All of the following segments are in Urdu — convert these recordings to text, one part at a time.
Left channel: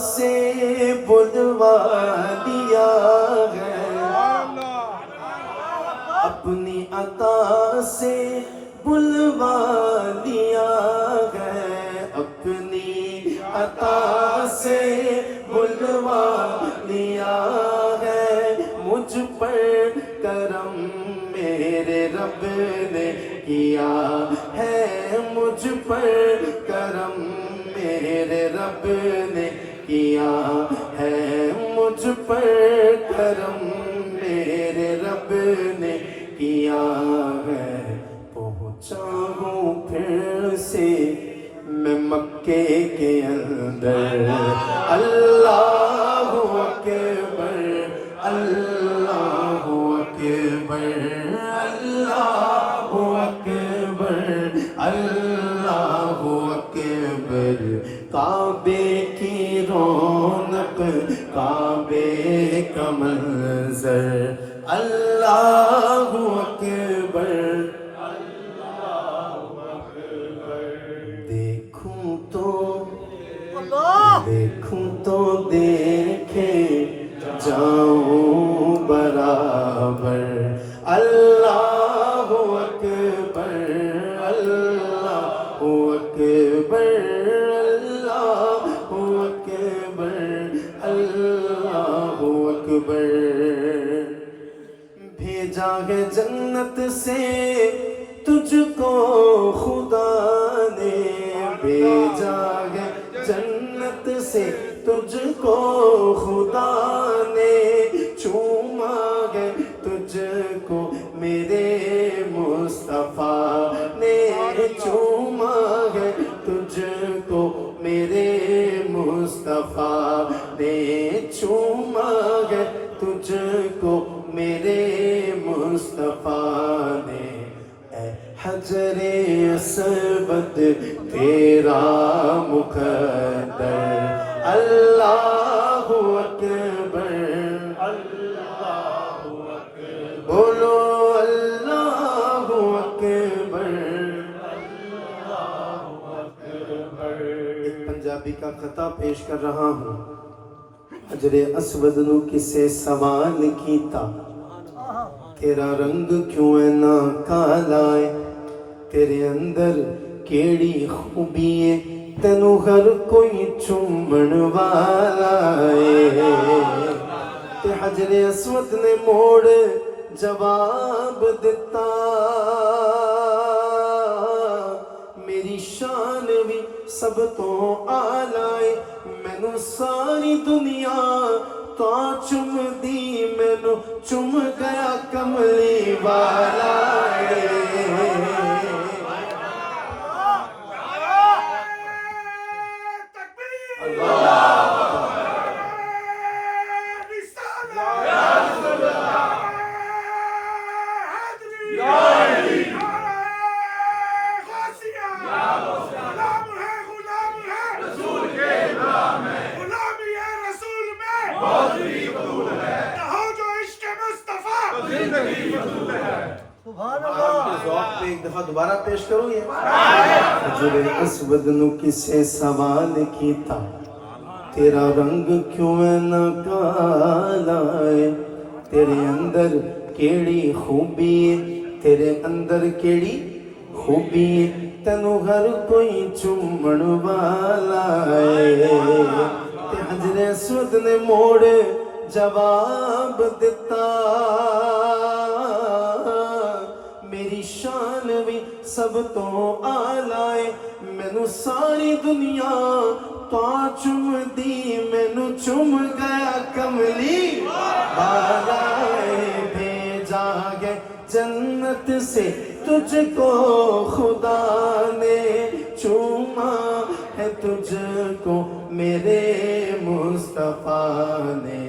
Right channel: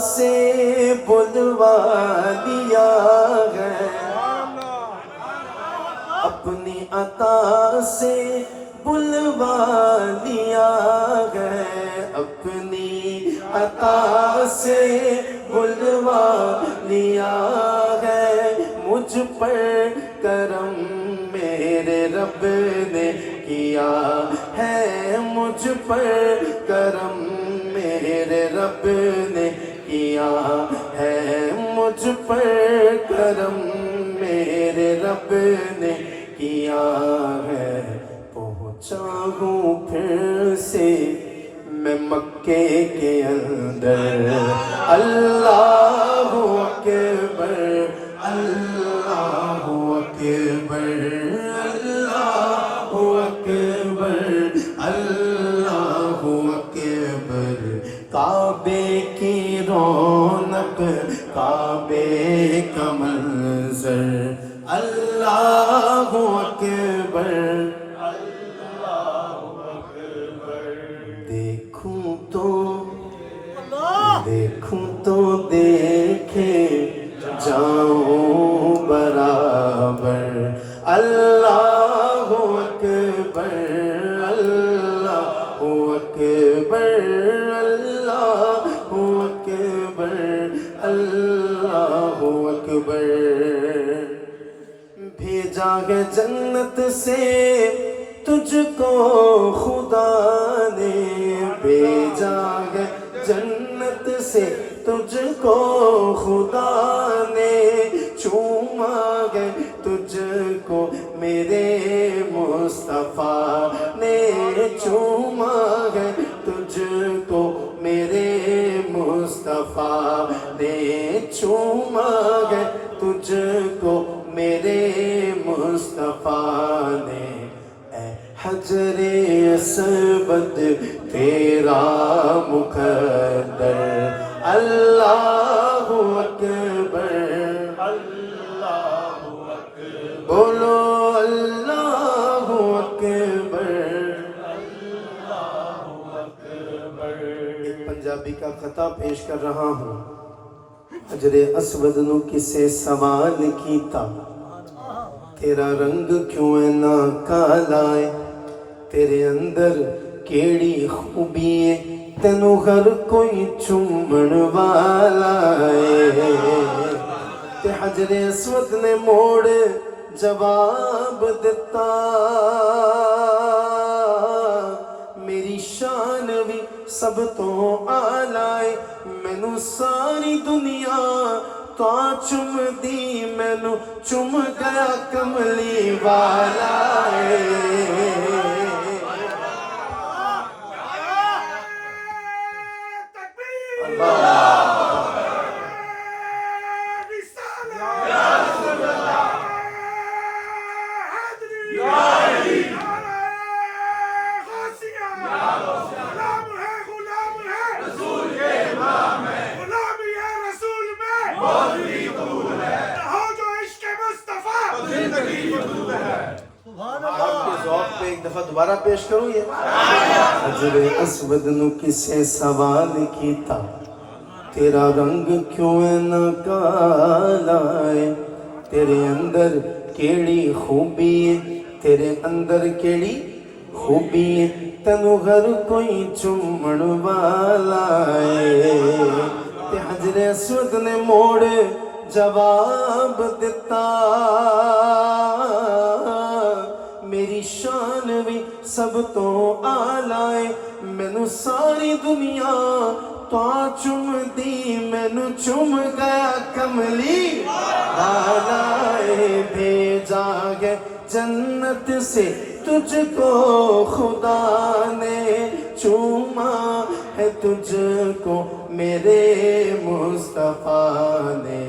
سے بلوا دیا ہے، اپنی عطا سے بلوا دیا ہے، اپنی عطا سے بلوا دیا ہے، مجھ پر کرم میرے رب نے کیا ہے، مجھ پر کرم میرے رب نے کیا ہے، مجھ پر کرم میرے رب نے کیا ہے، پہنچا ہوں پھر سے میں مکے کے اندر، اللہ اکبر اللہ اکبر اللہ اکبر اللہ اکبر، کعبے کی رونق کعبے کا منظر، اللہ اکبر دیکھوں تو دیکھے جاؤں برابر، اللہ اکبر اللہ اکبر اللہ اکبر اللہ اکبر، بھیجا ہے جنت سے تجھ کو خدا نے، بھیجا ہے جنت سے تجھ کو خدا نے، چوما ہے تجھ کو میرے مصطفیٰ نے، چوما ہے تجھ کو میرے مصطفیٰ نے، چوما ہے تجھ کو میرے مصطفیٰ نے، اے حجر اسود تیرا مقدر، اللہ اکبر اللہ اکبر، بولو اللہ اکبر اللہ اکبر۔ ایک پنجابی کا خطا پیش کر رہا ہوں، حجر اسود نو کسے سوال کیتا، تیرا رنگ کیوں اینا کالا ہے، تیرے اندر کیڑی خوبی ہے، تینوں ہر کوئی چومن والا ہے، تے حجر اسود نے موڑ جواب دیتا، میری شان بھی سب تو اعلیٰ ہے، مینوں ساری دنیا تا چم دی، مینوں چم گیا کملی والا ہے، ایک دفعہ دوبارہ پیش کروں یہ، حجر اسود نو کسے سوال کیتا، تیرا رنگ کیوں اینا کالا ہے، تیرے اندر کیڑی خوبی ہے، تیرے اندر کیڑی خوبی ہے، تینوں ہر کوئی چومن والا ہے، تے حجر اسود نے موڑ جواب دیتا، میری شان بھی سب تو اعلیٰ ہے، مینوں ساری دنیا تو چم دی، مینوں چم گیا کملی والا ہے، بھیجا ہے جنت سے تجھ کو خدا نے، چوما ہے تجھ کو میرے مصطفیٰ نے،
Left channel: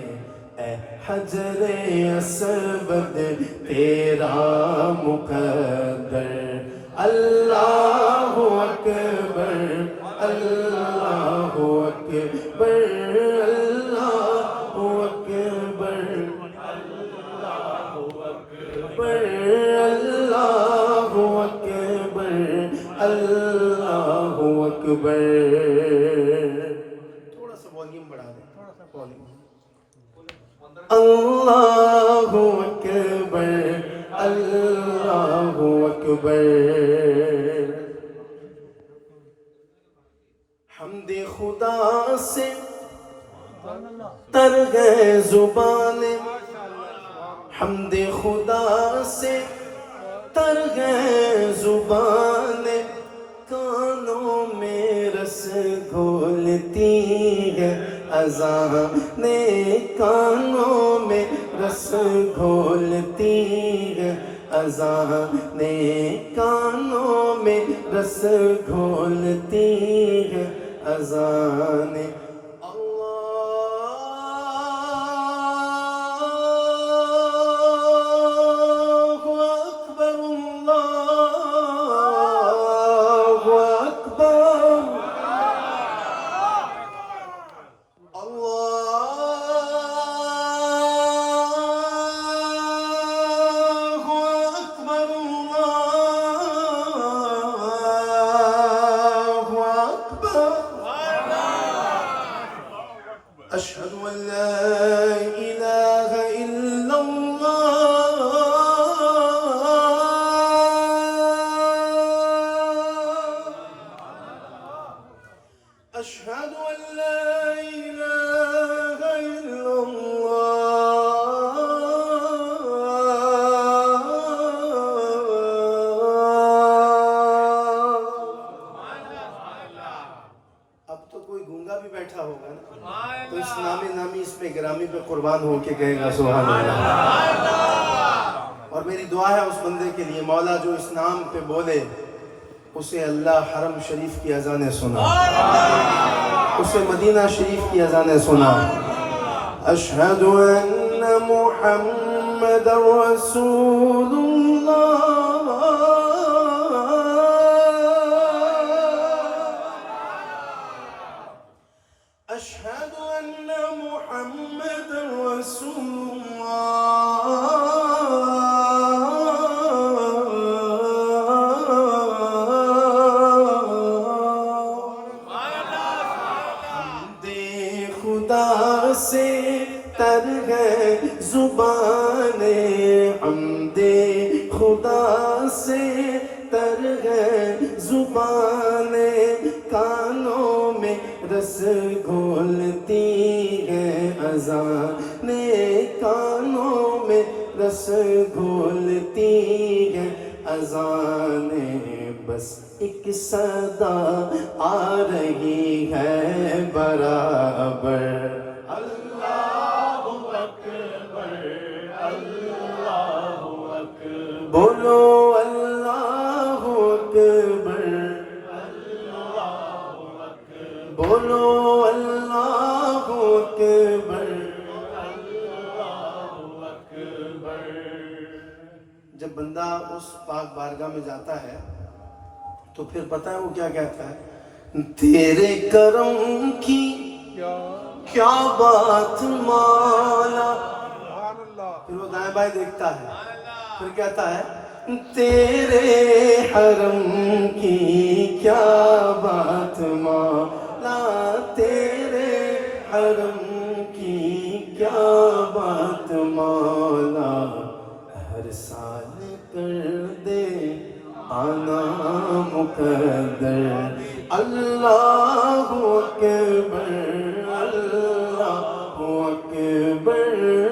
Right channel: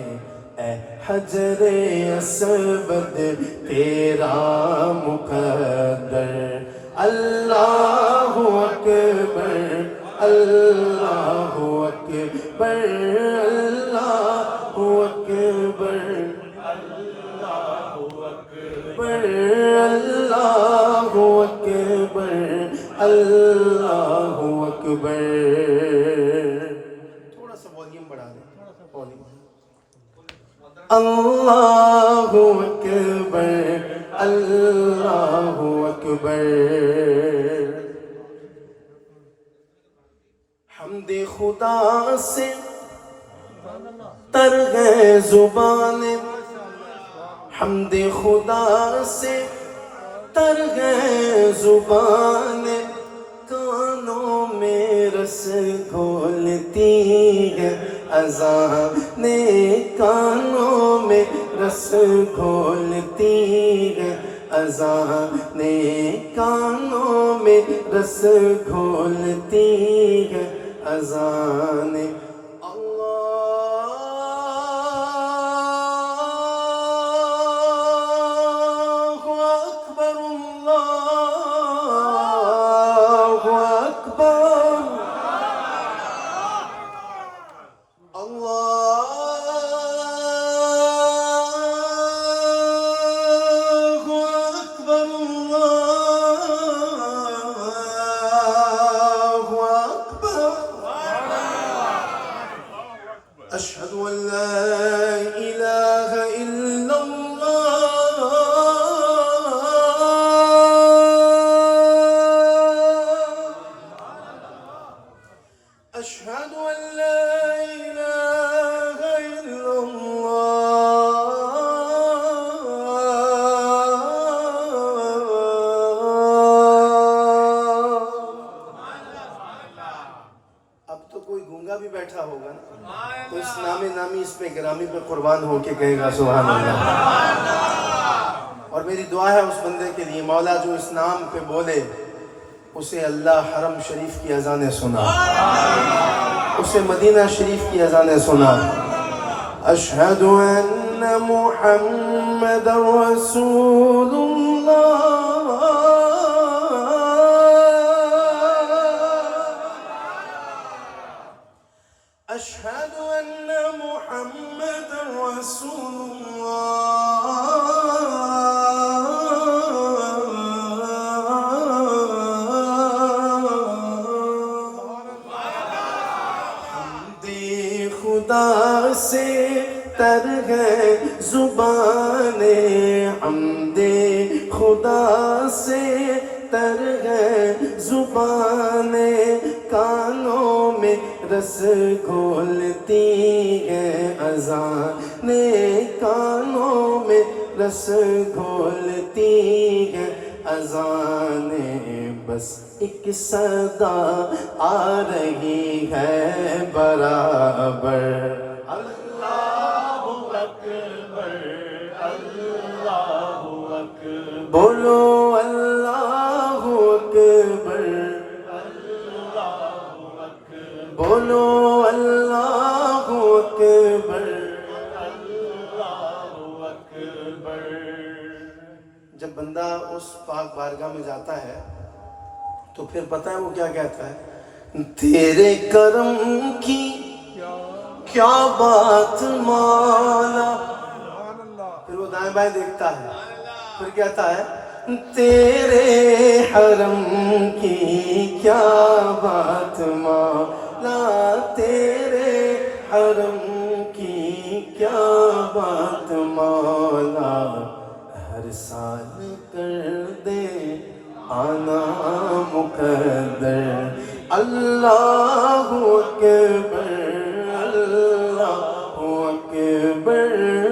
اے حجر اسود تیرا مقدر، اللہ اکبر اللہ اکبر اللہ اکبر اللہ اکبر اللہ اکبر اللہ اکبر۔ تھوڑا سا بول والیوم بڑھا دیں اللہ اکبر اللہ اکبر حمد خدا سے تر گئے زبانیں حمد خدا سے تر گئے زبانیں کانوں میں رس گھولتی ہے اذانیں کانوں میں رس گھولتی ہے اذانیں کانوں میں رس گھولتی ہے اذانیں أشهد أن لا إله إلا الله أشهد أن لا إله إلا الله اب تو کوئی گونگا بھی بیٹھا ہوگا نا تو اس نامی اس پہ گرامی پہ قربان ہو کے کہے گا سبحان اللہ اور میری دعا ہے اس بندے کے لیے مولا جو اس نام پہ بولے اسے اللہ حرم شریف کی اذانیں سنا اسے مدینہ شریف کی اذانیں سنا اشہد ان محمد رسول اللہ أشهد أن محمد رسول حمد خدا سے تر گئے زبانیں حمد خدا سے تر گئے زبانیں کانوں میں رس گھولتی ہے اذانیں کانوں میں رس گھولتی ہے اذانیں بس ایک صدا آ رہی ہے برابر اللہ اکبر اللہ اکبر بولو اللہ اکبر بولو اللہ اکبر اللہ اکبر جب بندہ اس پاک بارگاہ میں جاتا ہے تو پھر پتہ ہے وہ کیا کہتا ہے تیرے کرم کی کیا بات مولا پھر وہ دائیں بائیں دیکھتا ہے پھر کہتا ہے تیرے حرم کی کیا بات مولا تیرے حرم کی کیا بات مولا ہر سال کر دے آنا مقدر اللہ اکبر اللہ اکبر